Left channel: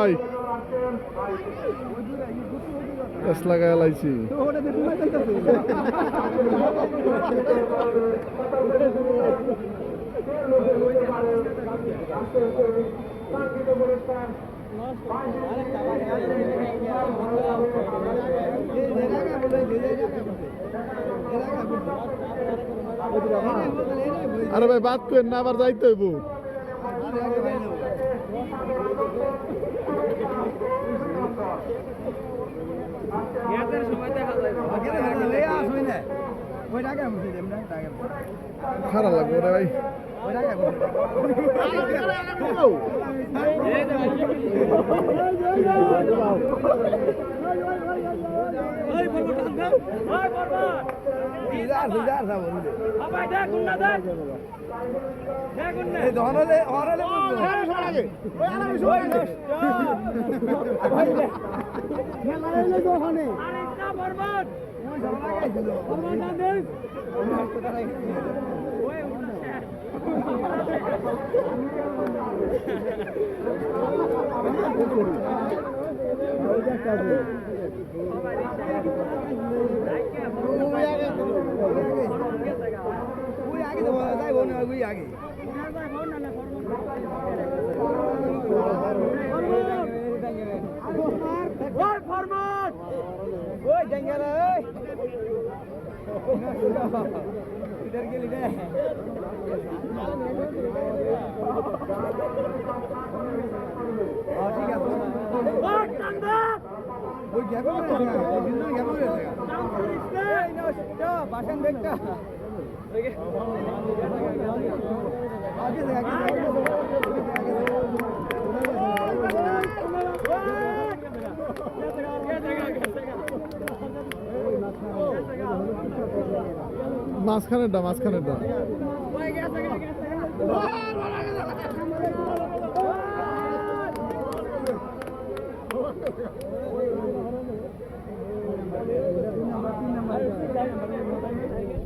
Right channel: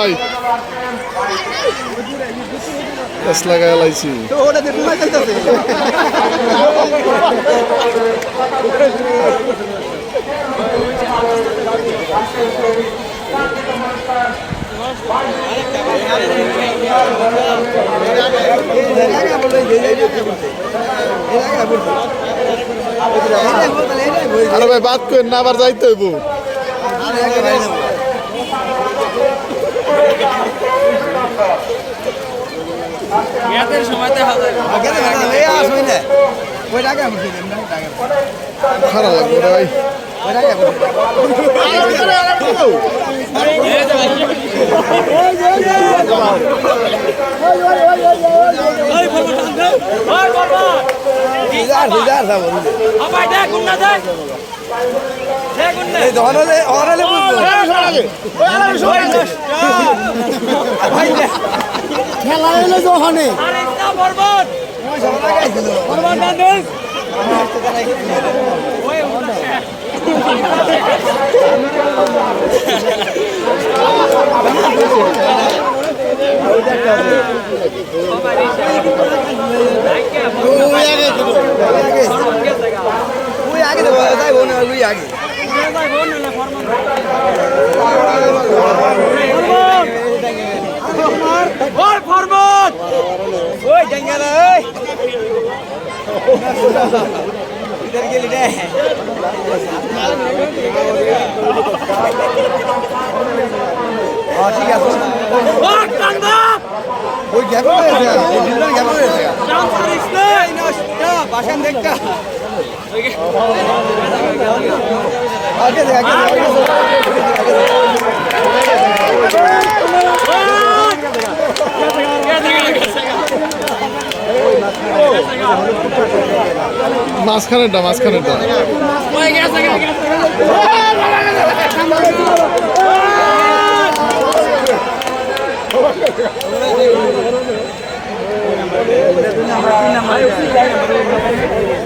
ভাই গাছ লাগায় লাইছি আরে ভাই বাদ করেন না আবার যাইতে হইব খারাপ লাগবে ভাই খেলা হলে যখনে इधर के लिए ठीक है ওই গ্যাপ হয়েছে এই বিল্ডার গ্যাপ হয়েছে এই না বাসান দেখা আগে দেখ মাঝখানেরটা